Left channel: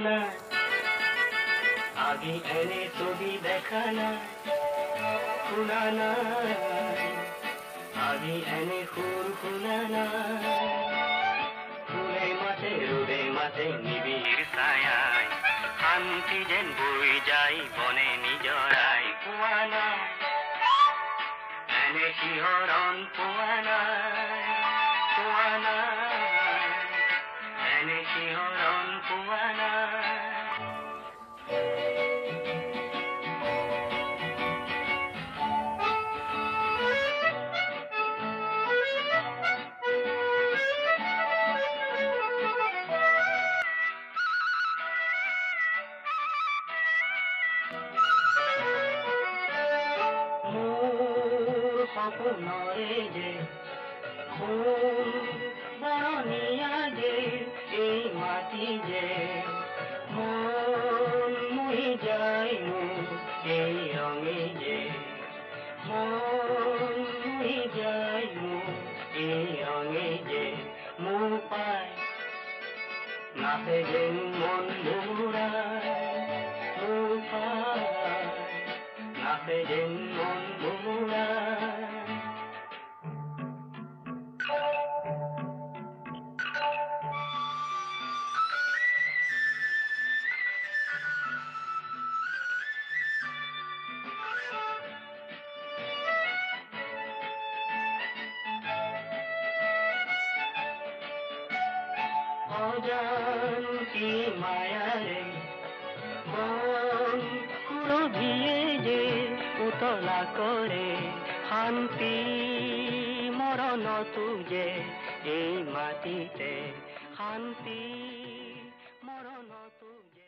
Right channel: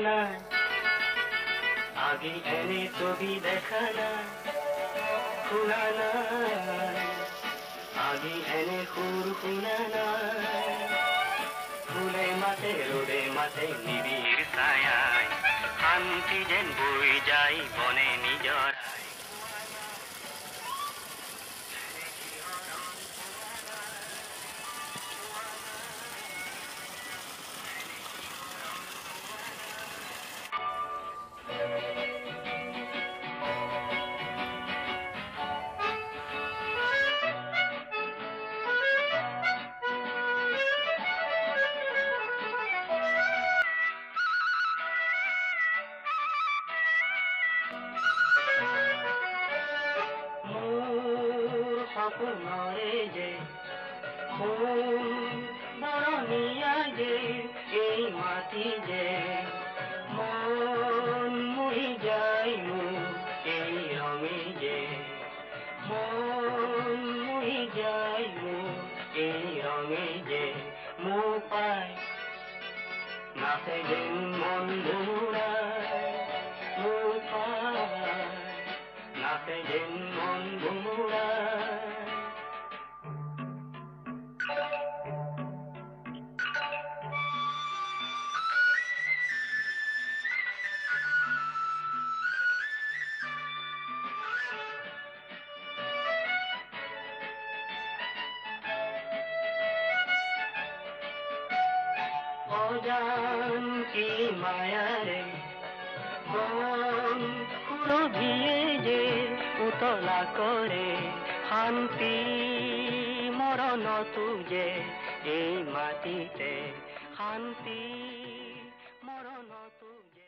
নাই আগে এনে ছবি দেখা নাই শুনা নাই আগে এনে সুর শুনা নাই ফুলে মাতে রোদে মাতে নিবিড় ছায়ায় শান্তি যেন বৈ যায় বনে নিজৰাই পোৱা নাই এনে শিহৰণ পোৱা নাই এনে শিহৰণ পোৱা নাই সপনৰে যে ফুল বৰণিয়া যে এই মাটি যে মন মুহি যায় মোৰ এই ৰঙে যে মন মুহি যায় মোৰ এই ৰঙে যে মোৰ পায় নাচে যেন মন ভুমুৰাই মোৰ পায় নাচে যেন মন ভুমুৰাই অজান কি মায়াৰে কোন সুৰভিয়ে যে উতলা কৰে শান্তি মৰণতো যে এই মাটিতে শান্তি মৰণতো যে